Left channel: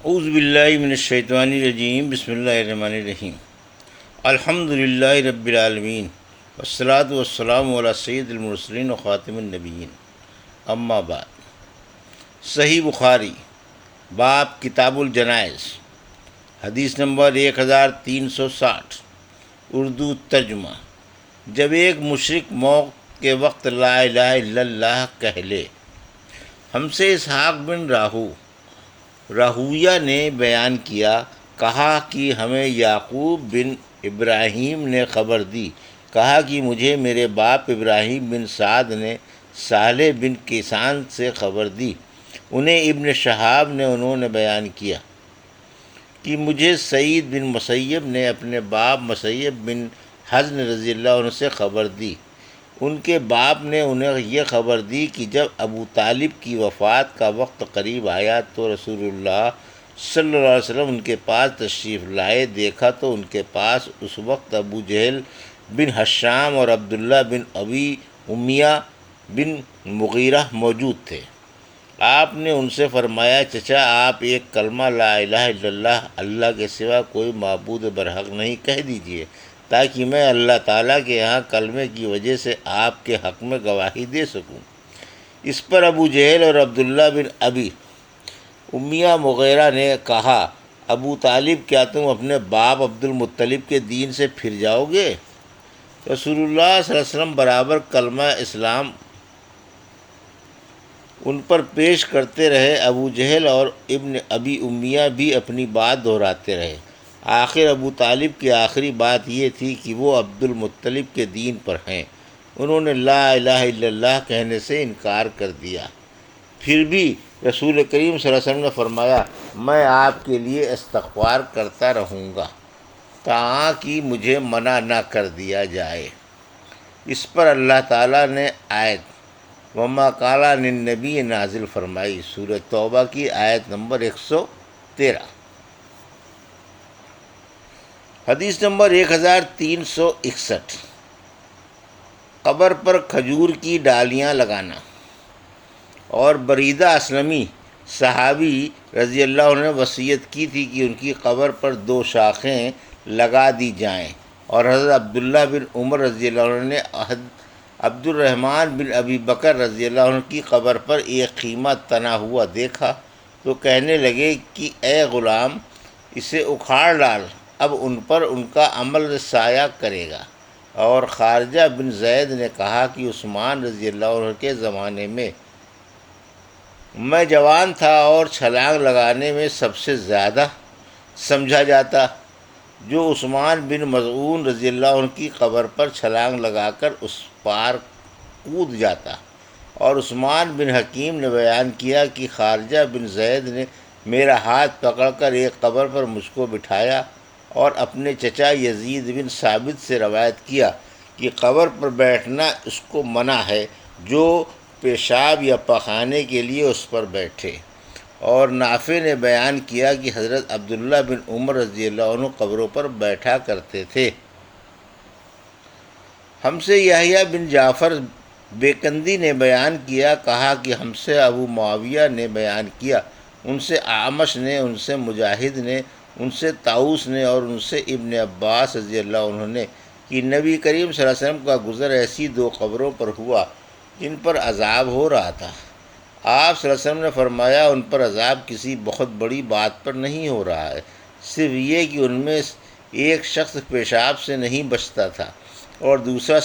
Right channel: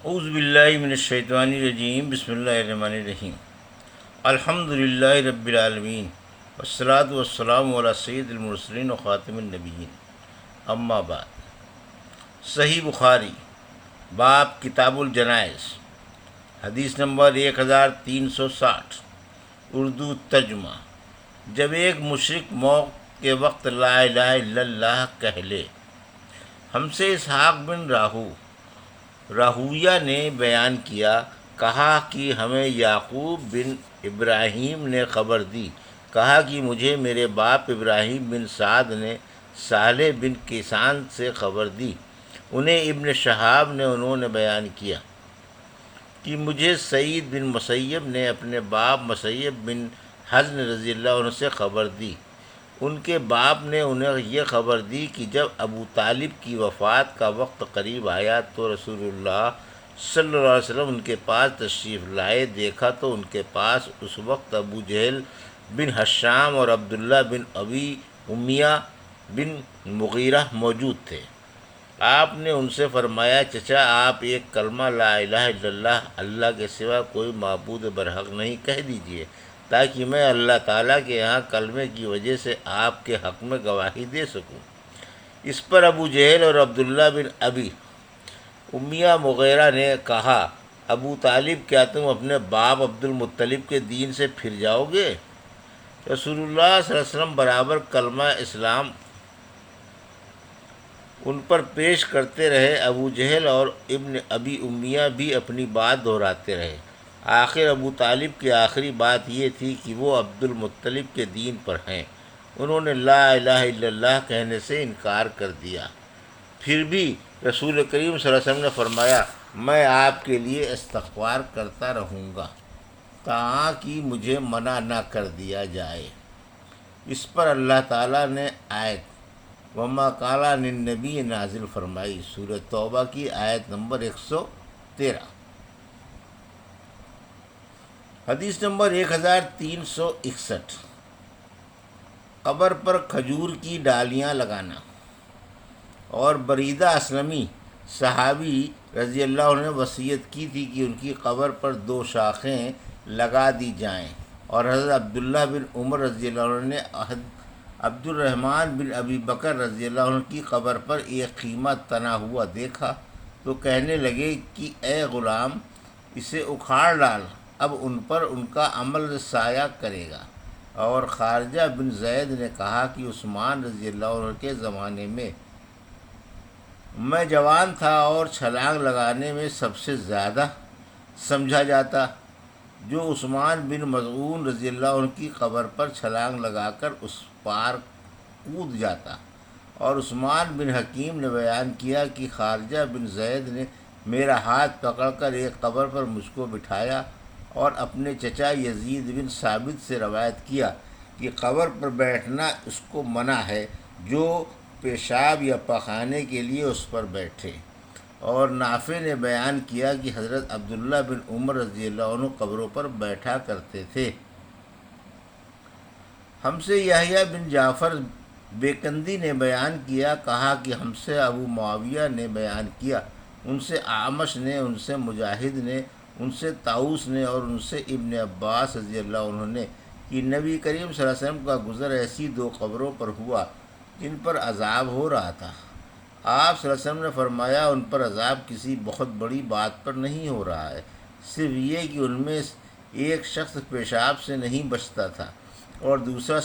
اعوذ باللہ من الشیطان الرجیم، بسم اللہ الرحمن الرحیم۔ الحمد للہ رب العالمین، والصلاة والسلام علی سید المرسلین و خاتم النبیین، اما بعد۔ صحیح بخاری، باب کتاب الجنائز، حدیث نمبر 1360، اردو ترجمہ۔ جب ایک مشرک موت کے وقت لا الہ الا اللہ کہہ لے۔ ہم سے اسحاق بن راہویہ نے بیان کیا، کہا کہ ہمیں یعقوب بن ابراہیم نے خبر دی، کہا کہ مجھے میرے باپ ابراہیم بن سعد نے صالح بن کیسان سے خبر دی، انہیں ابن شہاب نے انہوں نے بیان کیا کہ مجھے سعید بن مسیب نے اپنے باپ مسیب بن حزن رضی اللہ عنہ سے خبر دی، ان کے باپ نے انہیں یہ خبر دی کہ جب ابو طالب کی وفات کا وقت قریب آیا تو رسول اللہ صلی اللہ علیہ وسلم ان کے پاس تشریف لائے، دیکھا تو ان کے پاس اس وقت ابو جہل بن ہشام اور عبداللہ بن ابی امیہ بن مغیرہ موجود تھے۔ آپ نے ان سے فرمایا، چچا آپ ایک کلمہ لا الہ الا اللہ، اللہ کے سوا کوئی معبود برحق نہیں کہہ دیجئے، تاکہ میں اللہ تعالیٰ کے یہاں کلمے کی وجہ سے آپ کے حق میں گواہی دے سکوں۔ اس پر ابو جہل اور عبداللہ بن ابی امیہ مغیرہ نے کہا، ابو طالب کیا تم اپنے باپ عبد المطلب کے دین سے پھر جاؤ گے؟ رسول اللہ صلی اللہ علیہ وسلم برابر کلمہ اسلام ان پر پیش کرتے رہے۔ ابو جہل اور ابن ابی امیہ بھی اپنی بات دہراتے رہے۔ آخر ابو طالب کی آخری بات یہ تھی کہ وہ عبد المطلب کے دین پر ہیں۔ انہوں نے لا الہ الا اللہ کہنے سے انکار کر دیا۔ پھر بھی رسول کریم صلی اللہ علیہ وسلم نے فرمایا، میں آپ کے لیے استغفار کرتا رہوں گا تاکہ مجھے منع نہ کر دیا جائے۔ اس پر اللہ تعالیٰ نے آیت وما قال للنبی نازل فرمائی، سورہ توبہ کی آیت نمبر 113۔ حدیث نمبر 1361، قبر پر کھجور کی ڈالیاں لگانا۔ اور بریدہ اسلمی صحابی رضی اللہ عنہ نے وصیت کی تھی کہ ان کی قبر پر 2 شاخیں لگا دی جائیں، اور حضرت عبداللہ بن عمر رضی اللہ عنہ نے عبد الرحمن بن ابی بکر رضی اللہ عنہ کی قبر پر ایک خیمہ تنا ہوا دیکھا تو کہنے لگے کہ اے غلام، اسے اکھاڑ ڈال، اب ان پر ان کا عمل سایہ کرے گا۔ اور خارجہ بن زید نے کہا کہ عثمان رضی اللہ عنہ کے زمانے میں جوان تھا اور چھلانگ لگانے میں سب سے زیادہ سمجھا جاتا، جو عثمان بن مظعون رضی اللہ عنہ کی قبر پر چھلانگ لگا کر اس پار کود جاتا۔ اور عثمان بن حکیم نے بیان کیا کہ خارجہ بن زید نے میرا ہاتھ پکڑ کر ایک قبر پر مجھ کو بٹھایا اور اپنے چچا یزید بن ثابت سے روایت کیا کہ قبر پر بیٹھنا اس کو منع ہے جو پیشاب یا پخانے کے لیے اس پر بیٹھے۔ اور نافع نے بیان کیا کہ حضرت عبداللہ بن عمر رضی اللہ عنہ قبروں پر بیٹھا کرتے تھے۔ ہم سے یحییٰ بن جعفر بیکندی نے بیان کیا، کہا کہ ہم سے ابو معاویہ نے بیان کیا، ان سے اعمش نے، ان سے مجاہد نے، ان سے طاؤس نے اور ان سے ابن عباس رضی اللہ عنہ نے کہ نبی کریم صلی اللہ علیہ وسلم کا گزر ایسی 2 قبروں پر ہوا جن پر عذاب ہو رہا تھا۔ آپ صلی اللہ علیہ وسلم نے فرمایا، ان پر عذاب کسی بہت بڑی بات پر نہیں ہو رہا ہے، صرف یہ کہ ان میں ایک شخص پیشاب سے نہیں بچتا تھا اور دوسرا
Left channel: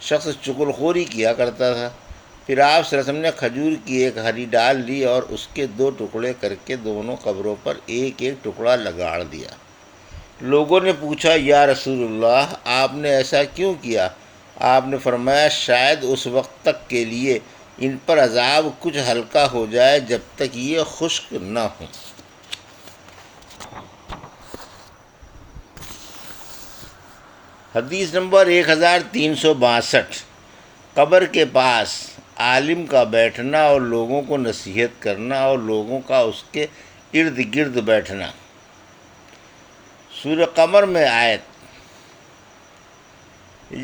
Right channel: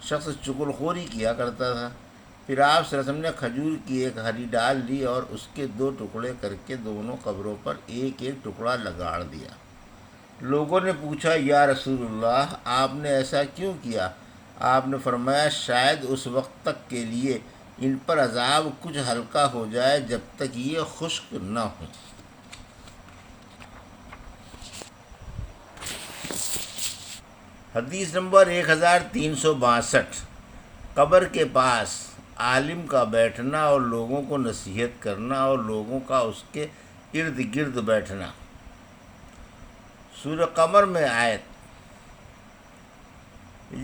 شخص چغل خوری کیا کرتا تھا۔ پھر آپ صلی اللہ علیہ وسلم نے کھجور کی ایک ہری ڈال لی اور اس کے 2 ٹکڑے کر کے دونوں قبروں پر ایک ایک ٹکڑا لگاڑ دیا۔ لوگوں نے پوچھا، یا رسول اللہ، آپ نے ایسا کیوں کیا؟ آپ نے فرمایا، شاید اس وقت تک کے لیے ان پر عذاب کچھ ہلکا ہو جائے جب تک یہ خشک نہ ہوں۔ حدیث نمبر 1362، قبر کے پاس عالم کا بیٹھنا اور لوگوں کو نصیحت کرنا اور لوگوں کا اس کے ارد گرد بیٹھنا۔ سورہ قمر میں آیت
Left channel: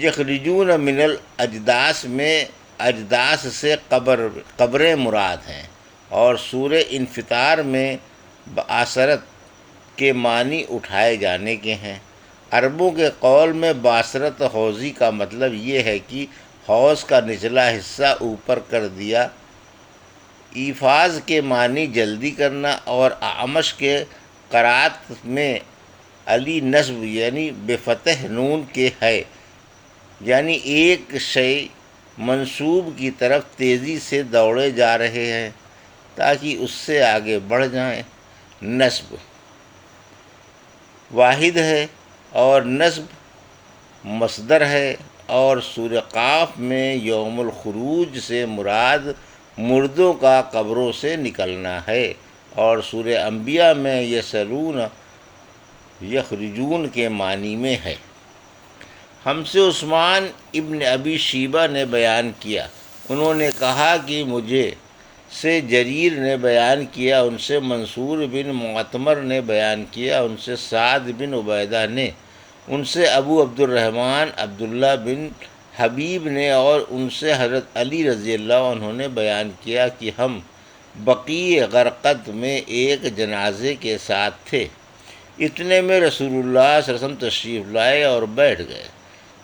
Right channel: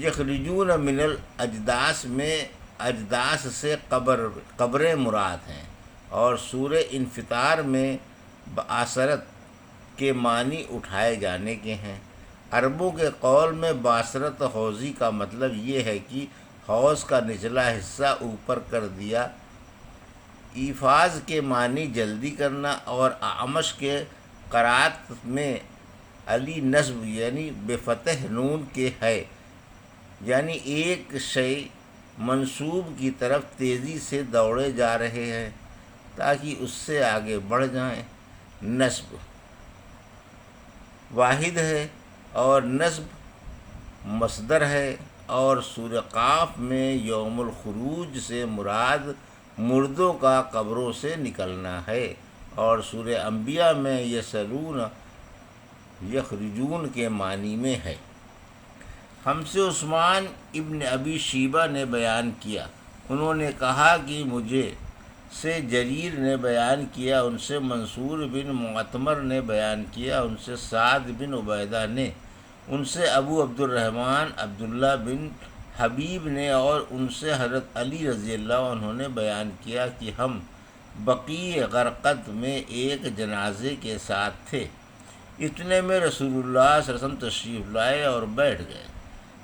یخرجون من الاجداث میں اجداث سے قبریں مراد ہیں، اور سورہ انفطار میں بآثرت کے معنی اٹھائے جانے کے ہیں۔ عربوں کے قول میں باثرت حوضی کا مطلب یہ ہے کہ حوض کا نچلا حصہ اوپر کر دیا۔ ایفاز کے معنی جلدی کرنا، اور اعمش کے قرات میں علی نصب یعنی بفتح نون کے ہے، یعنی ایک شے منصوب کی طرف تیزی سے دوڑے جا رہے ہیں تاکہ اس سے آگے بڑھ جائیں۔ نصب واحد ہے اور نصب مصدر ہے، اور سورہ قاف میں یوم الخروج سے مراد مردوں کا قبروں سے نکلنا ہے، اور سورہ انبیاء میں یسلون یخرجون کے معنی میں ہے۔ ہم سے عثمان ابن ابی شیبہ نے بیان کیا، انہوں نے کہا کہ مجھے سے جریر نے بیان کیا، ان سے منصور بن معتمر نے بیان کیا، ان سے سعد بن عبیدہ نے، ان سے ابو عبد الرحمن عبداللہ بن حبیب نے، اور ان سے حضرت علی رضی اللہ عنہ نے بیان کیا کہ ہم بقیع غرقد میں ایک جنازے کے ساتھ تھے۔ اتنے میں رسول اللہ صلی اللہ علیہ وسلم تشریف لائے اور بیٹھ گئے۔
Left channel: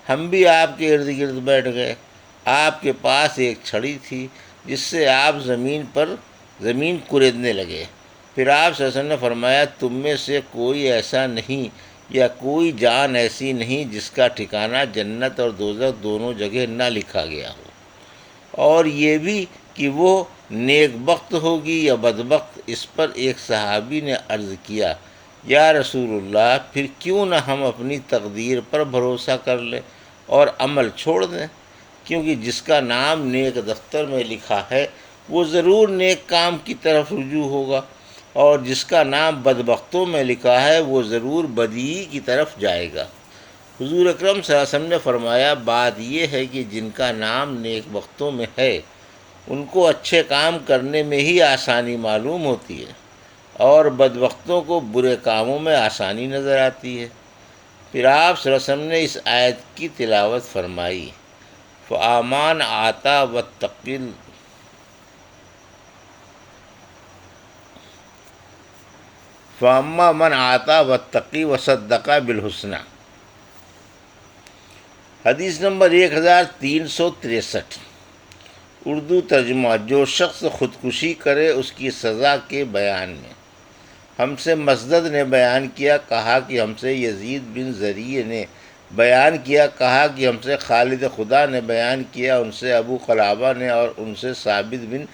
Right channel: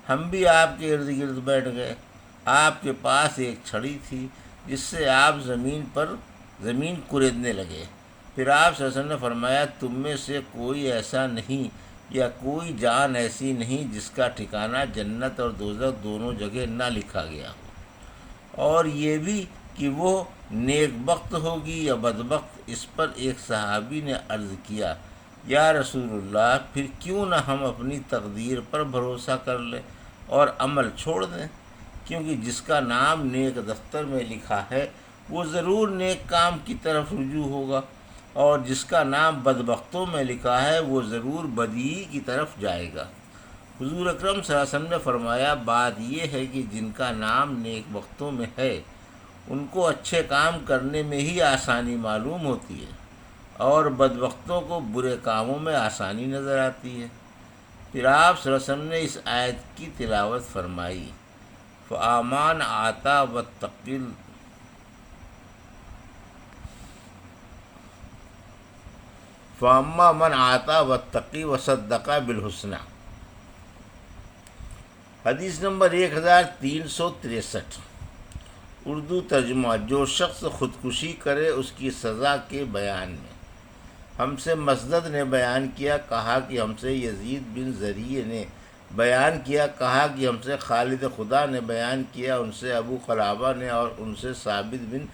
ہم بھی آپ کے ارد گرد بیٹھ گئے۔ آپ کے پاس ایک چھڑی تھی جس سے آپ زمین کریدنے لگے۔ پھر آپ صلی اللہ علیہ وسلم نے فرمایا، تم میں سے کوئی ایسا نہیں یا کوئی جان ایسی نہیں جس کا ٹھکانہ جنت اور دوزخ دونوں جگہ نہ لکھا گیا ہو، اور یہ بھی کہ وہ نیک بخت ہوگی یا بدبخت۔ اس پر ایک صحابی نے عرض کیا، یا رسول اللہ، پھر کیوں نہ ہم اپنی تقدیر پر بھروسہ کر لیں اور عمل چھوڑ دیں، کیونکہ جس کا نام نیک دفتر میں لکھا ہے وہ ضرور نیک کام کی طرف رجوع ہوگا، اور جس کا نام بدبختوں میں لکھا ہے وہ ضرور بدی کی طرف جائے گا۔ حضور اکرم صلی اللہ علیہ وسلم نے فرمایا، بات یہ ہے کہ جن کا نام نیک بختوں میں ہے ان کو اچھے کام کرنے میں ہی آسانی معلوم ہوتی ہے، اور بدبختوں کو برے کاموں میں آسانی نظر آتی ہے۔ پھر آپ صلی اللہ علیہ وسلم نے اس آیت کی تلاوت فرمائی، فَآمَنَ آتا وَاتَّقِل فَأَمَّا مَنْ آتا وَاتَّقِي وَصَدَّقَ بِالْحُسْنَى۔ حدیث نمبر 1363، اردو ترجمہ۔ جو شخص خودکشی کرے اس کی سزا کے بیان میں۔ ہم سے مسدد نے بیان کیا، کہا کہ ہم سے یزید بن زریع نے بیان کیا، کہا کہ ہم سے خالد خدا نے بیان کیا، ان سے ابو قلابہ نے، اور ان سے ثابت بن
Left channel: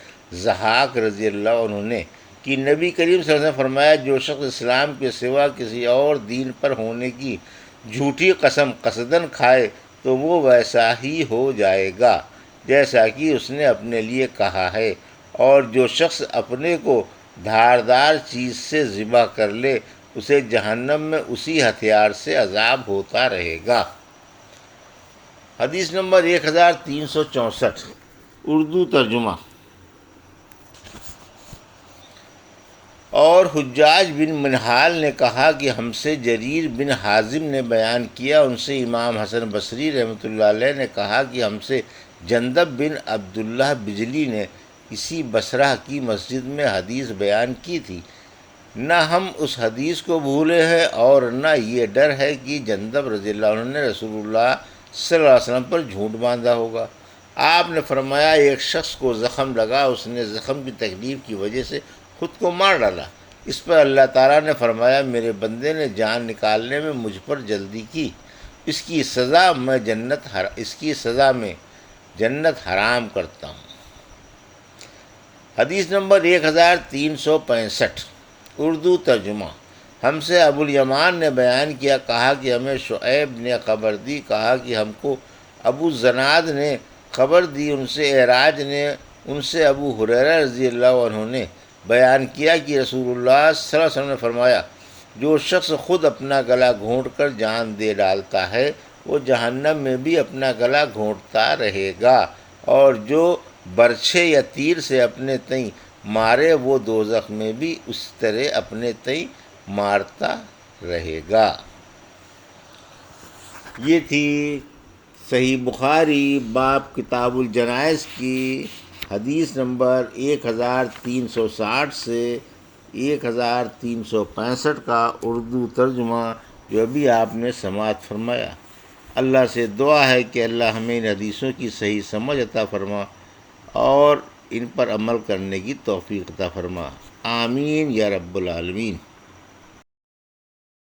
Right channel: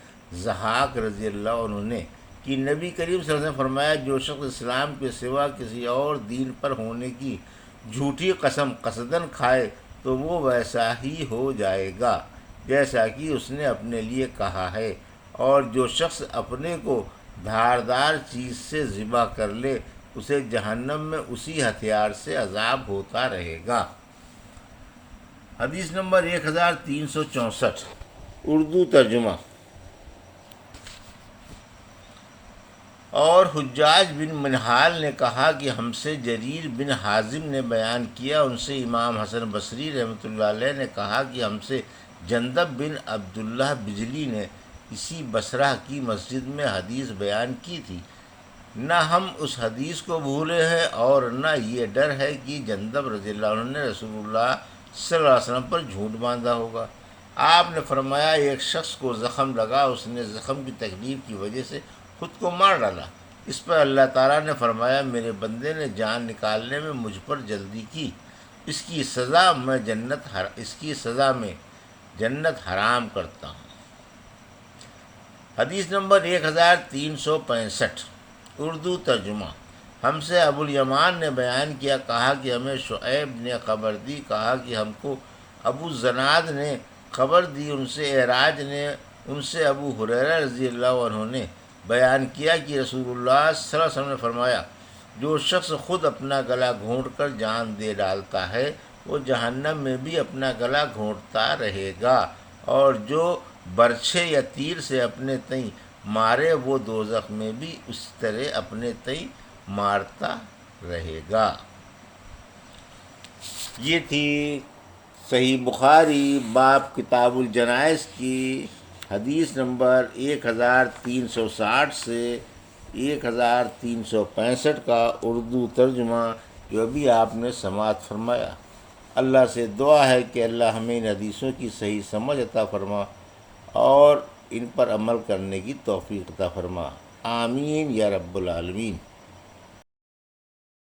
ضحاک رضی اللہ عنہ نے، کہ نبی کریم صلی اللہ علیہ وسلم نے فرمایا، جو شخص اسلام کے سوا کسی اور دین پر ہونے کی جھوٹی قسم قصدن کھائے تو وہ ویسا ہی ہو جائے گا جیسا کہ اس نے اپنے لیے کہا ہے، اور جو شخص اپنے کو دھاردار چیز سے ذبح کر لے اسے جہنم میں اسی ہتھیار سے عذاب ہوتا رہے گا۔ حدیث نمبر 1364، اردو ترجمہ۔ اور حجاج بن منہال نے کہا کہ ہم سے جریر بن حازم نے بیان کیا، ان سے امام حسن بصری رحمۃ اللہ علیہ نے کہا کہ ہم سے جندب بن عبداللہ بجلی نے اسی بصرہ کی مسجد میں حدیث بیان کی تھی۔ نہ ہم اس حدیث کو بھولے ہیں اور نہ یہ ڈر ہے کہ جندب رضی اللہ عنہ نے رسول اللہ صلی اللہ علیہ وسلم پر جھوٹ باندھا ہوگا۔ آپ نے فرمایا، ایک شخص کو زخم لگا، اس نے زخم کی تکلیف کی وجہ سے خود کو مار ڈالا۔ اس پر اللہ تعالیٰ نے فرمایا، میرے بندے نے جان نکالنے میں مجھ پر جلدی کی، اس کی سزا میں جنت حرام کرتا ہوں۔ حدیث نمبر 1365، اردو ترجمہ۔ ہم سے ابو الیمان نے بیان کیا، کہا کہ ہمیں شعیب نے خبر دی، کہا کہ ہم کو ابو زناد نے خبر دی، ان سے اعراج نے، ان سے ابو ہریرہ رضی اللہ عنہ نے بیان کیا کہ رسول اللہ صلی اللہ علیہ وسلم نے فرمایا، جو شخص خود اپنا گلا گھونٹ کر جان دے ڈالتا ہے وہ جہنم میں بھی اپنا گلا گھونٹتا رہے گا، اور جو برچھے یا تیر سے اپنے تئیں مارے وہ دوزخ میں بھی اس طرح اپنے تئیں مارتا رہے گا۔ یہ تھی صحیح بخاری باب کتاب الجنائز کی حدیث نمبر 1360 سے 1365 کا اردو ترجمہ جو ابھی آپ نے سماعت فرمایا۔ اللہ سے دعا ہے کہ اللہ ہمیں ان حدیثوں کی صحیح سمجھ عطا فرما اور ان پر عمل کرنے کی توفیق عطا فرما، آمین یا رب العالمین۔